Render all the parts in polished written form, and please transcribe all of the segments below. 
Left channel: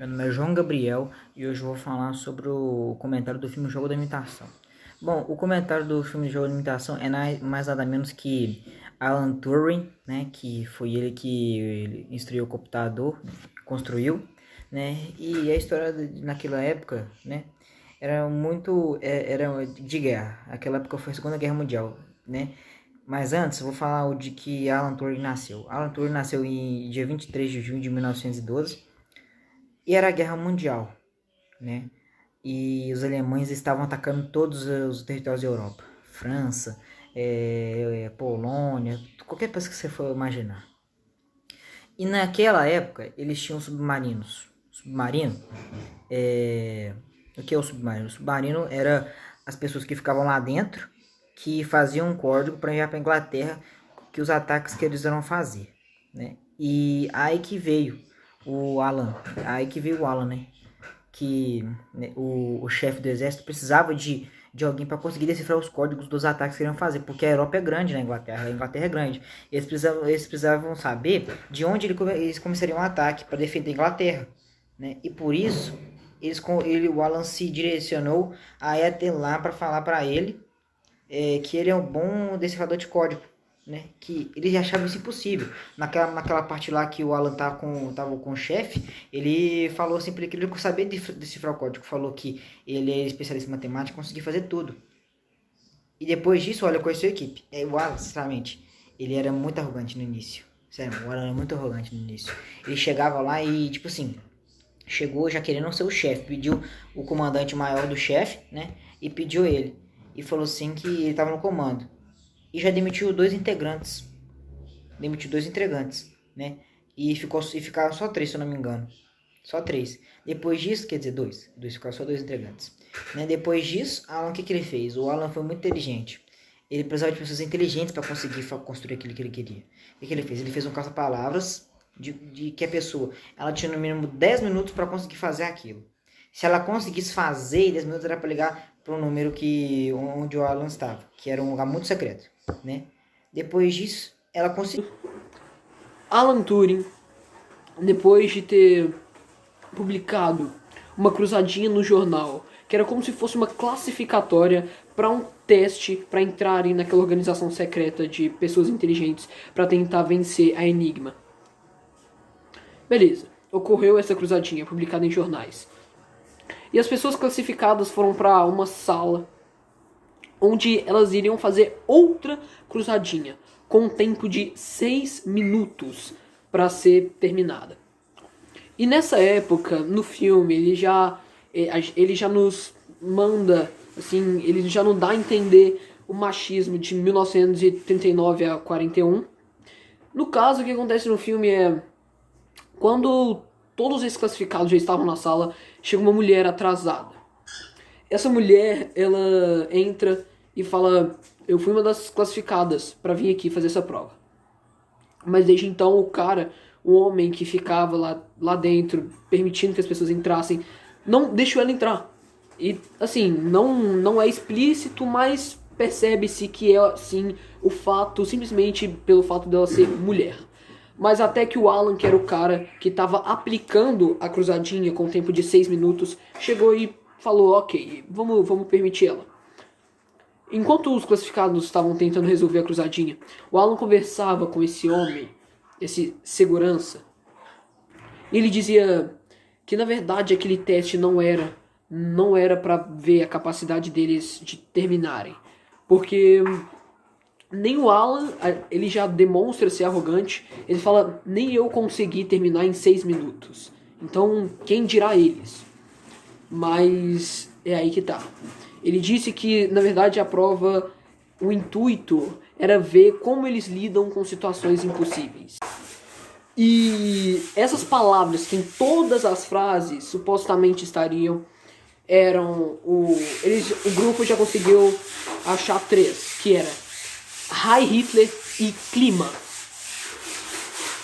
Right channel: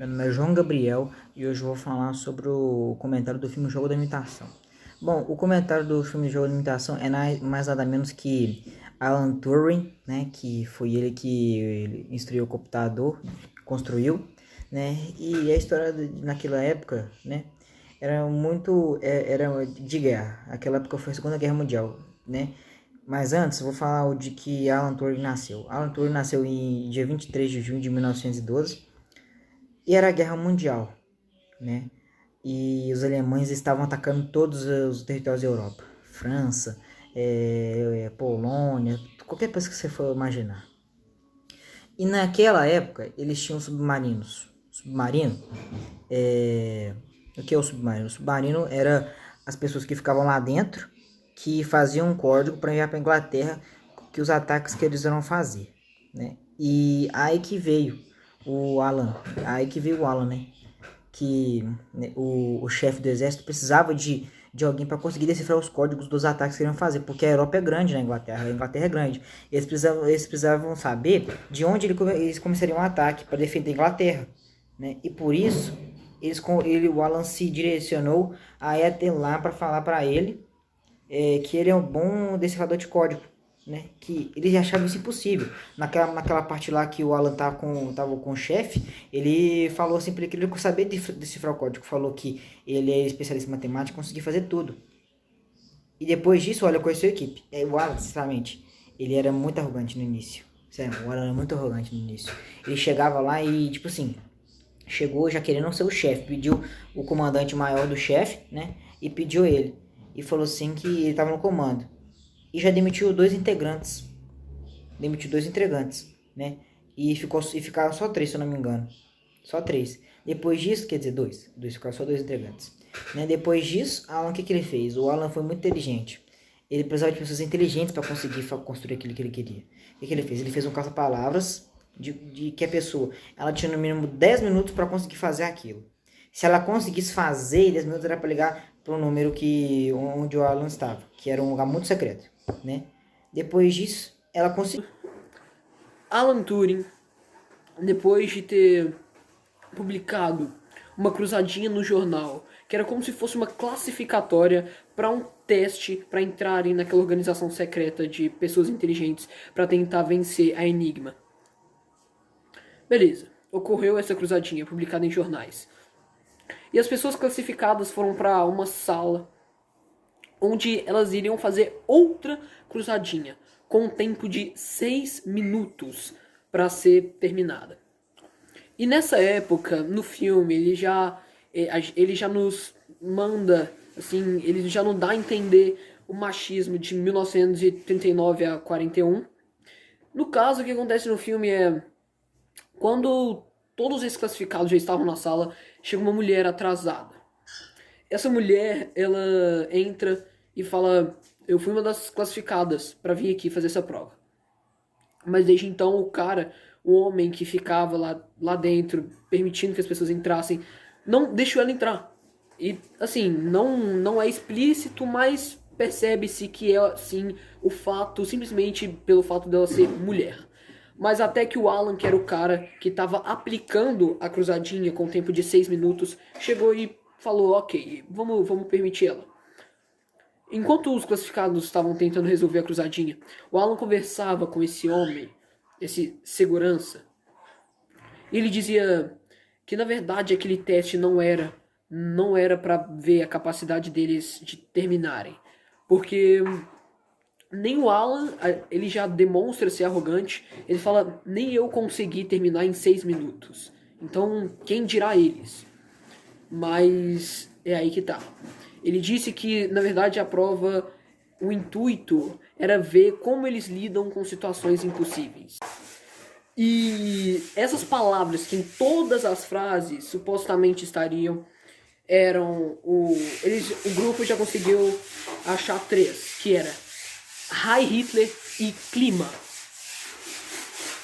Meu nome é João Gabriel e hoje eu vou falar sobre o comentário do filme Jogo da Imitação. Bom, o comentário do filme Jogo da Imitação é mais nada menos que Alan Turing, né, que foi ele que ele instruiu o computador, construiu, né, e a história naquela época, né, era de guerra. Aquela época foi a Segunda Guerra Mundial, né. Mas antes, eu vou falar o de que Alan Turing nasceu. Alan Turing nasceu em dia 23 de junho de 1912 e era a Guerra Mundial, né? E os alemães estavam atacando todos os territórios da Europa. França, Polônia, qualquer coisa que você for imaginar. E naquela época, eles tinham submarinos. Submarino, o que é o submarino? O submarino era as pessoas que ficavam lá dentro, que faziam um código para enviar para a Inglaterra que os ataques que eles iam fazer, né? E aí que veio o Alan, né? Que né, o chefe do exército precisava de alguém para conseguir decifrar os códigos dos ataques que iriam fazer, porque a Europa é grande na Inglaterra, a Inglaterra é grande. Eles precisavam saber de onde eles começariam um ataque para defender a Inglaterra, né? E por isso o Alan se direcionou a Ethel lá para falar para ele que ele é um bom decifrador de código, né? Que eles achavam isso impossível. Naquela parte lá que o Alan tava com o chefe, ele falou assim para ele que ele não sabia decifrar o código. Falou que ele é especialista em matemática, conseguia fazer tudo. E depois disso, olha, conheceu a equipe. O Alan, sinceramente, ele era muito arrogante no início. Sério, o Alan era muito arrogante no início. Ele chegava lá e, tipo assim, chegou já querendo ser o chefe. Pediu o comandante maior do chefe, né? E pediu ele. E falou assim que ele estava no comando. E já demitiu dois integrantes. Demitiu dois integrantes, né? E ficaram só três, se eu não me engano. Só três. Depois disso, quer dizer, dois. Ficaram só dois integrantes. Né? Depois disso, Alan, o que ele fez? O Alan foi muito inteligente. Ele precisava de pessoas inteligentes para conseguir construir aquilo que ele queria. O que ele fez? Ele fez um caça-palavras de que a pessoa ela tinha no mínimo 10 minutos para conseguir fazer aquilo. Se ela conseguisse fazer em 10 minutos, era para ligar para o número onde o Alan estava, que era um lugar muito secreto, né? Depois disso, ela conseguiu. Alan Turing, depois de ter publicado uma cruzadinha no jornal, que era como se fosse uma classificatória para um teste para entrarem naquela organização secreta de pessoas inteligentes para tentar vencer a Enigma. Beleza, ocorreu essa cruzadinha publicada em jornais. E as pessoas classificadas foram para uma sala onde elas iriam fazer outra cruzadinha com um tempo de 6 minutos para ser terminada. E nessa época, no filme, ele já nos manda, assim, ele já não dá a entender o machismo de 1939 a 41. No caso, o que acontece no filme é, quando todos esses classificados já estavam na sala, chega uma mulher atrasada. Essa mulher, ela entra e fala: eu fui uma das classificadas para vir aqui fazer essa prova. Mas desde então o homem que ficava lá dentro, permitindo que as pessoas entrassem, não deixou ela entrar. E assim, não é explícito, mas percebe-se que é assim o fato, simplesmente pelo fato dela ser mulher. Mas até que o Alan, que era o cara que estava aplicando a cruzadinha com tempo de 6 minutos, chegou e falou: ok, vamos permitir ela. Enquanto os classificados estavam tentando resolver a cruzadinha, o Alan conversava com esse homem, esse segurança. E ele dizia que na verdade aquele teste não era para ver a capacidade deles de terminarem, porque nem o Alan, ele já demonstra ser arrogante. Ele fala: nem eu consegui terminar em 6 minutos. Então, quem dirá eles? Mas é aí que tá. Ele disse que, na verdade, a prova, o intuito era ver como eles lidam com situações impossíveis. E essas palavras que em todas as frases supostamente estariam eram o grupo já conseguiu achar três, que era Heil Hitler e clima.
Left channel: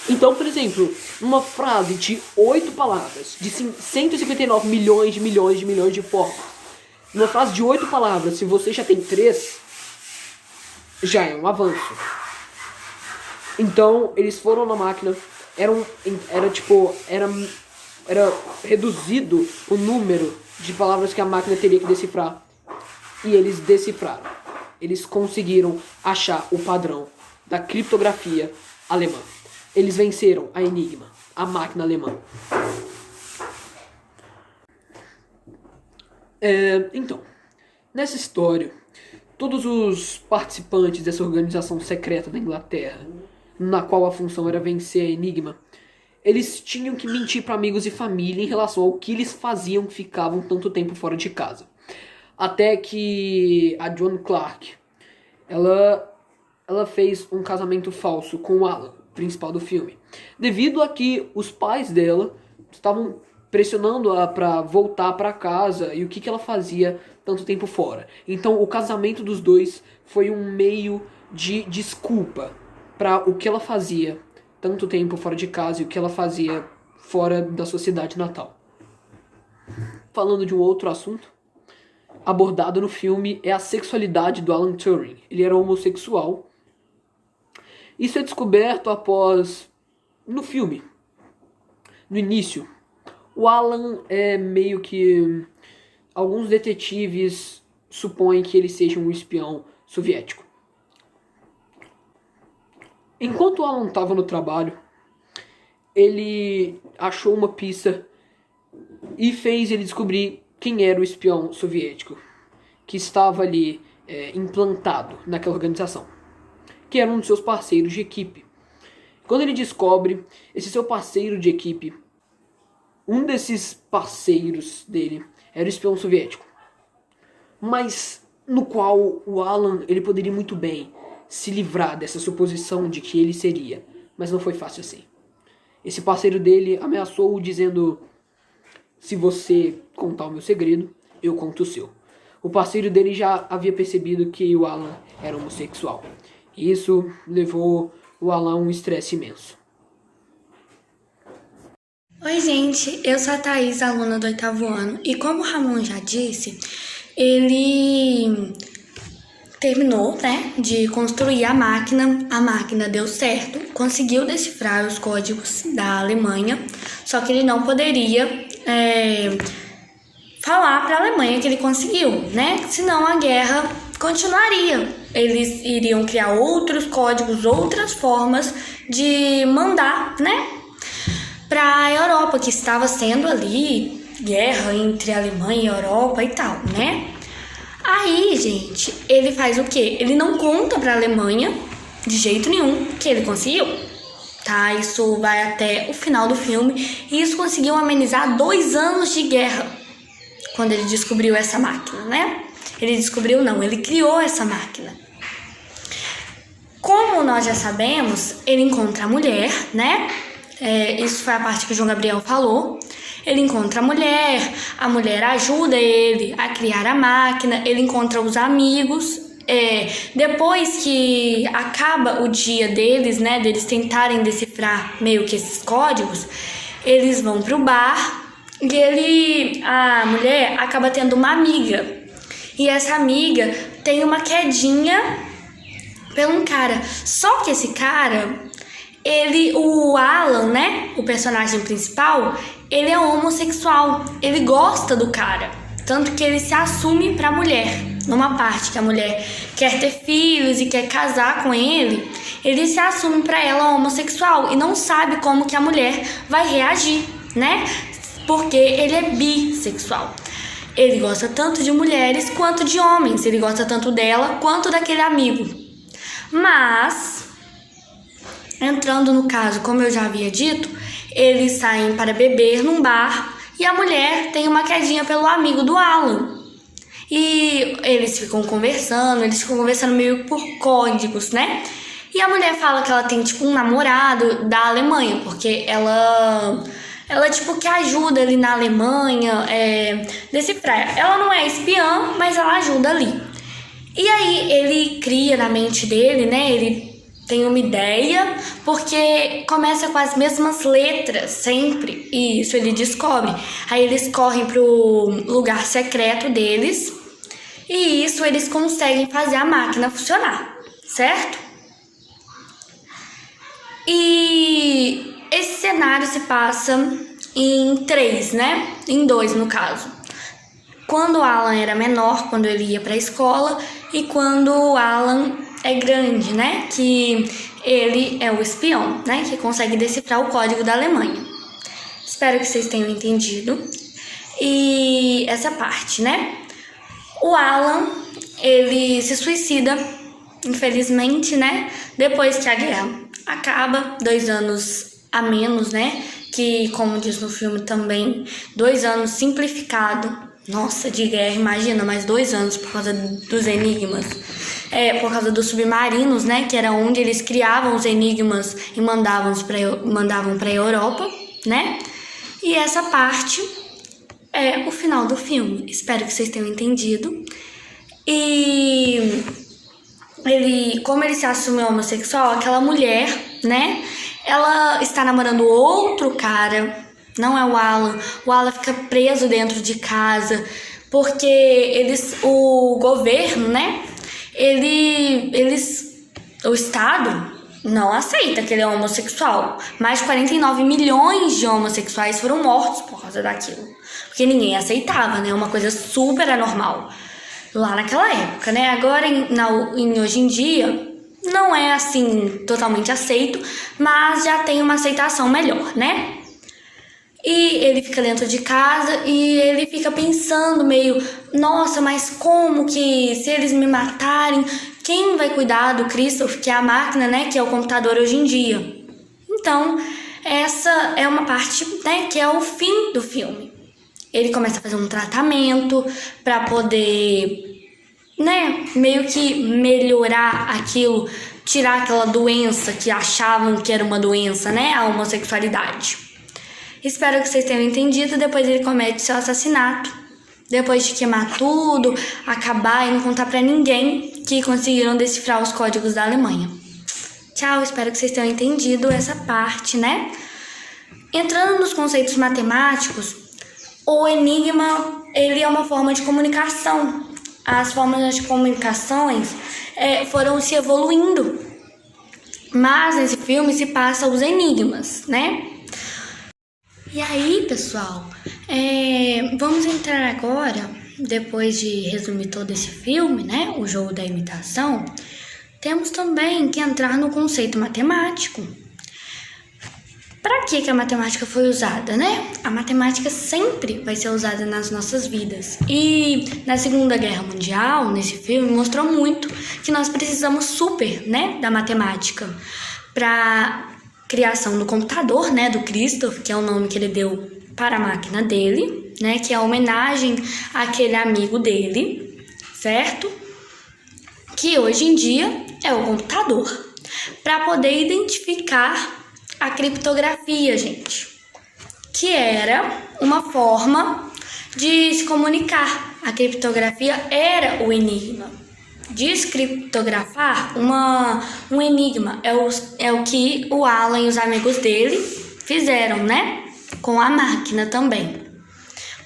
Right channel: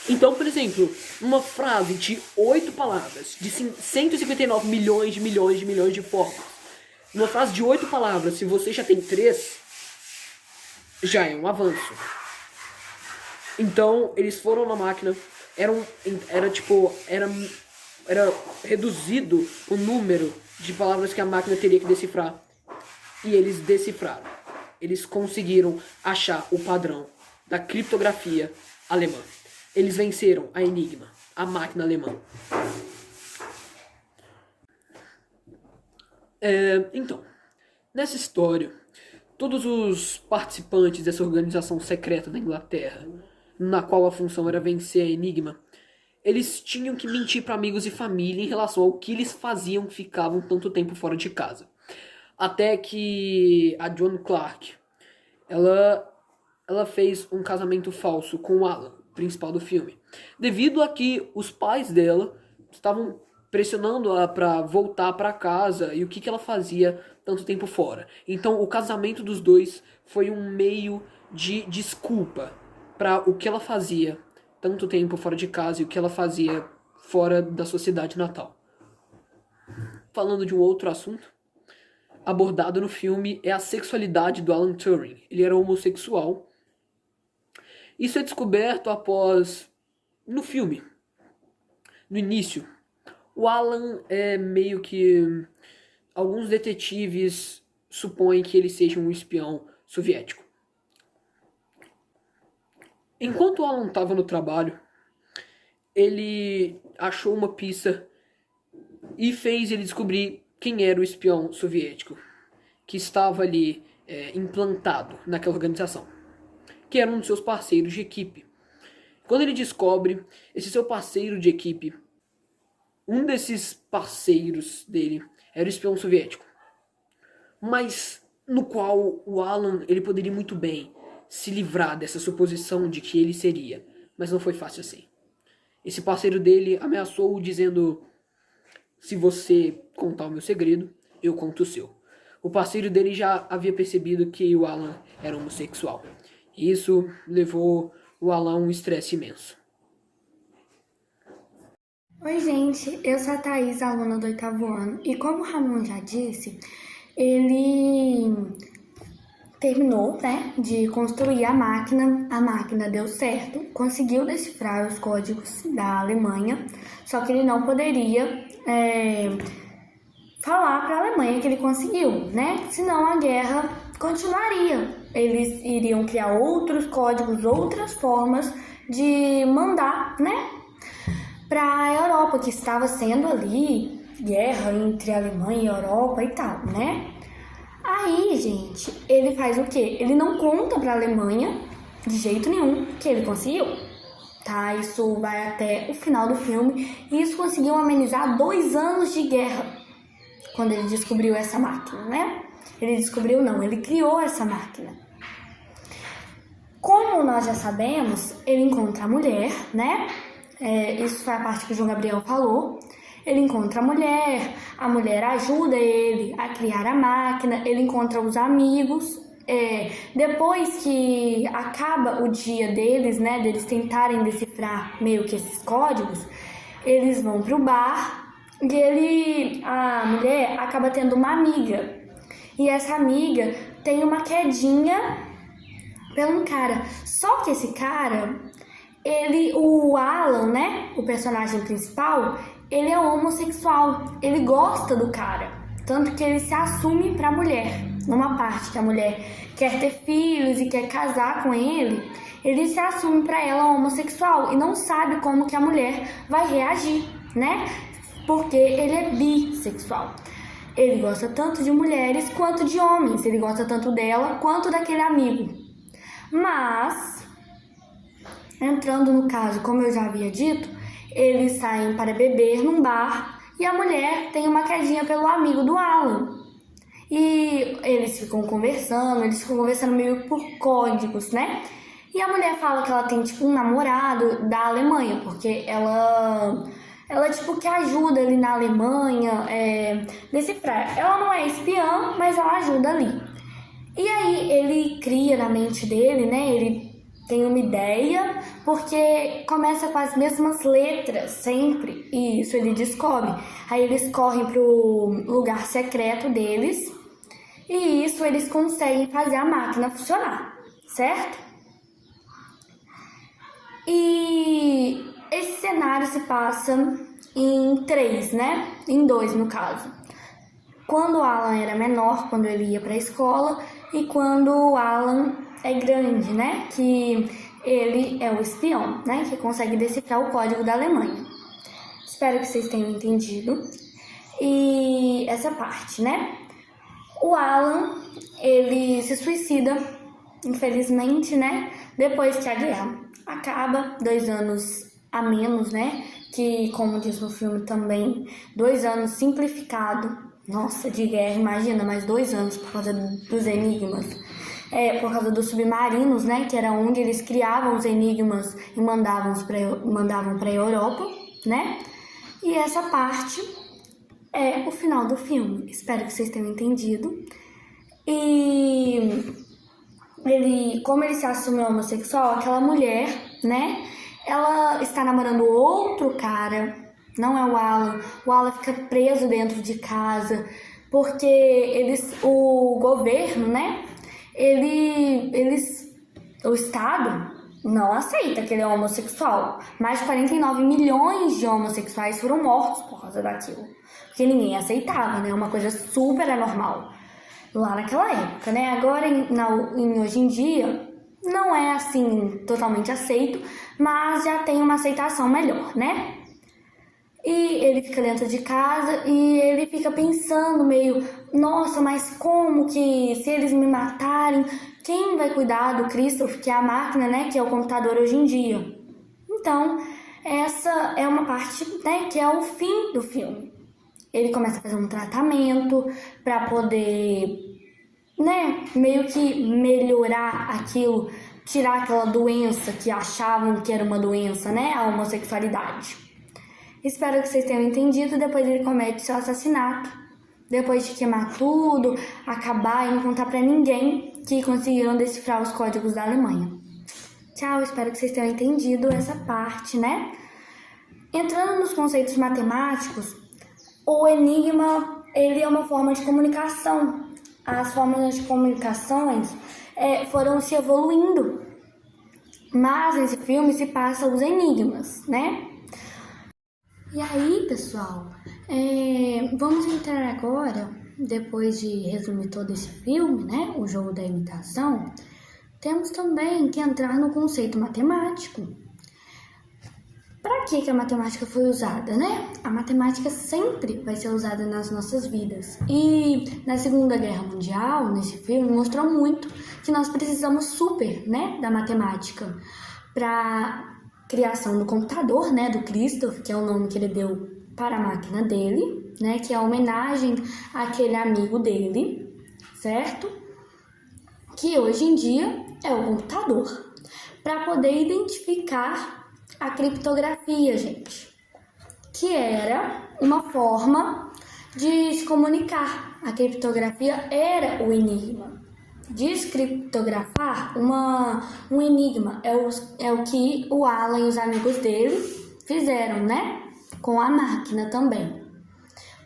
Então, por exemplo, uma frase de 8 palavras, de 159 milhões de formas, numa frase de 8 palavras, se você já tem 3, já é um avanço. Então, eles foram na máquina, era era reduzido o número de palavras que a máquina teria que decifrar. E eles decifraram. Eles conseguiram achar o padrão da criptografia alemã. Eles venceram a Enigma, a máquina alemã. Então, nessa história, todos os participantes dessa organização secreta da Inglaterra, na qual a função era vencer a Enigma, eles tinham que mentir para amigos e família em relação ao que eles faziam que ficavam tanto tempo fora de casa. Até que a Joan Clark, ela fez um casamento falso com o Alan, principal do filme, devido a que os pais dela estavam pressionando-a para voltar para casa e o que ela fazia tanto tempo fora. Então o casamento dos dois foi um meio de desculpa para o que ela fazia tanto tempo fora de casa e o que ela fazia fora da sua cidade natal. Falando de um outro assunto abordado no filme é a sexualidade do Alan Turing. Ele era homossexual. Isso é descoberto após, no filme, no início, o Alan é meio que... Alguns detetives supõem que ele seja um espião soviético. Enquanto o Alan estava no trabalho, ele achou uma pista e fez ele descobrir quem era o espião soviético que estava ali implantado naquela organização, que era um dos seus parceiros de equipe. Quando ele descobre esse seu parceiro de equipe, um desses parceiros dele era o espião soviético, mas no qual o Alan ele poderia muito bem se livrar dessa suposição de que ele seria, mas não foi fácil assim. Esse parceiro dele ameaçou-o dizendo: se você contar o meu segredo, eu conto o seu. O parceiro dele já havia percebido que o Alan era homossexual. E isso levou o Alan a um estresse imenso. Oi, gente, eu sou a Thaís, aluna do 8º ano, e como o Ramon já disse, ele terminou, de construir a máquina deu certo, conseguiu decifrar os códigos da Alemanha, só que ele não poderia falar para a Alemanha que ele conseguiu, senão a guerra continuaria. Eles iriam criar outros códigos, outras formas de mandar, para a Europa, que estava sendo ali guerra entre a Alemanha e a Europa e tal, Aí, gente, ele faz o quê? Ele não conta para a Alemanha de jeito nenhum que ele conseguiu, tá? Isso vai até o final do filme e isso conseguiu amenizar 2 anos de guerra quando ele descobriu essa máquina, Ele descobriu não, ele criou essa máquina. Como nós já sabemos, ele encontra a mulher, isso foi a parte que o João Gabriel falou. Ele encontra a mulher ajuda ele a criar a máquina, ele encontra os amigos. Depois que acaba o dia deles, deles tentarem decifrar meio que esses códigos, eles vão pro bar e a mulher acaba tendo uma amiga. E essa amiga tem uma quedinha pelo um cara. Só que esse cara, o Alan, o personagem principal, ele é homossexual, ele gosta do cara, tanto que ele se assume pra mulher. Numa parte que a mulher quer ter filhos e quer casar com ele, ele se assume pra ela homossexual e não sabe como que a mulher vai reagir, porque ele é bissexual. Ele gosta tanto de mulheres quanto de homens, ele gosta tanto dela quanto daquele amigo. Mas, entrando no caso, como eu já havia dito, eles saem para beber num bar e a mulher tem uma quedinha pelo amigo do Alan. E eles ficam conversando meio por códigos, E a mulher fala que ela tem, um namorado da Alemanha, porque ela tipo, que ajuda ali na Alemanha, decifrar. Ela não é espiã, mas ela ajuda ali. E aí ele cria na mente dele, ele tem uma ideia, porque começa com as mesmas letras sempre, e isso ele descobre. Aí eles correm pro lugar secreto deles, e isso eles conseguem fazer a máquina funcionar, certo? E esse cenário se passa em três, né? Em dois, no caso. Quando o Alan era menor, quando ele ia para a escola, e quando o Alan é grande, né? Que ele é o espião, né? Que consegue decifrar o código da Alemanha. Espero que vocês tenham entendido. E essa parte, né? O Alan, ele se suicida, infelizmente, né? Depois que a guerra acaba, 2 anos a menos, né? Que, como diz no filme também, 2 anos simplificado. Nossa, de guerra, imagina, mais 2 anos por causa dos enigmas. Por causa dos submarinos, né? Que era onde eles criavam os enigmas e mandavam para a Europa, né? E essa parte é o final do filme. Espero que vocês tenham entendido. E como ele se assume homossexual, aquela mulher, né? Ela está namorando outro cara, não é o Alan. O Alan fica preso dentro de casa, porque o governo, né? O Estado não aceita que ele é homossexual. Mais de 49 milhões de homossexuais foram mortos por causa daquilo. Porque ninguém aceitava, né? Uma coisa super anormal lá naquela época, né? Agora, hoje em dia, não é assim totalmente aceito, mas já tem uma aceitação melhor, né? E ele fica dentro de casa e ele fica pensando meio, nossa, mas como que se eles me matarem, quem vai cuidar do Christoph, que é a máquina, né, que é o computador hoje em dia? Então, essa é uma parte, né, que é o fim do filme. Ele começa a fazer um tratamento para poder, né, meio que melhorar aquilo, tirar aquela doença que achavam que era uma doença, né, a homossexualidade. Espero que vocês tenham entendido. Depois ele comete seu assassinato. Depois de queimar tudo, acabar e não contar pra ninguém que conseguiram decifrar os códigos da Alemanha. Tchau, espero que vocês tenham entendido essa parte, né? Entrando nos conceitos matemáticos, o enigma, ele é uma forma de comunicação. As formas de comunicações foram se evoluindo. Mas nesse filme se passa os enigmas, né? E aí, pessoal, vamos entrar agora, depois de resumir todo esse filme, né, o jogo da imitação, temos também que entrar no conceito matemático. Para que a matemática foi usada, né? A matemática sempre vai ser usada nas nossas vidas. E na Segunda Guerra Mundial, nesse filme, mostrou muito que nós precisamos super, né, da matemática para criação do computador, né, do Christoph, que é o nome que ele deu para a máquina dele, né, que é a homenagem àquele amigo dele, certo? Que hoje em dia é o computador, para poder identificar a criptografia, gente, que era uma forma de se comunicar. A criptografia era o enigma. Descriptografar um enigma é o que o Alan e os amigos dele fizeram, né? Com a máquina também.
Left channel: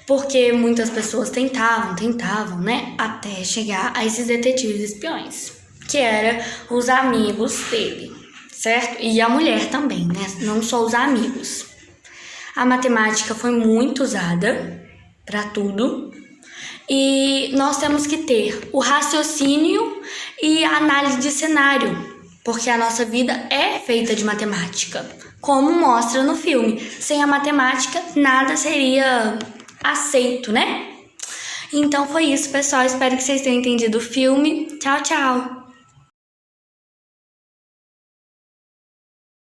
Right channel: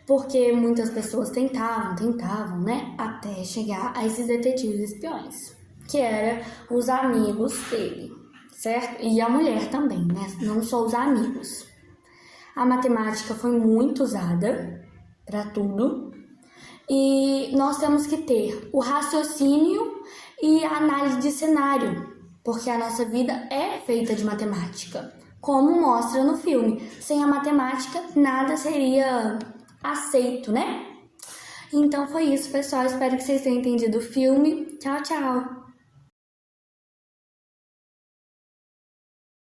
Porque muitas pessoas tentavam, né? Até chegar a esses detetives espiões, que eram os amigos dele, certo? E a mulher também, né? Não só os amigos. A matemática foi muito usada para tudo. E nós temos que ter o raciocínio e a análise de cenário, porque a nossa vida é feita de matemática, como mostra no filme. Sem a matemática, nada seria aceito, né? Então foi isso, pessoal. Espero que vocês tenham entendido o filme. Tchau, tchau!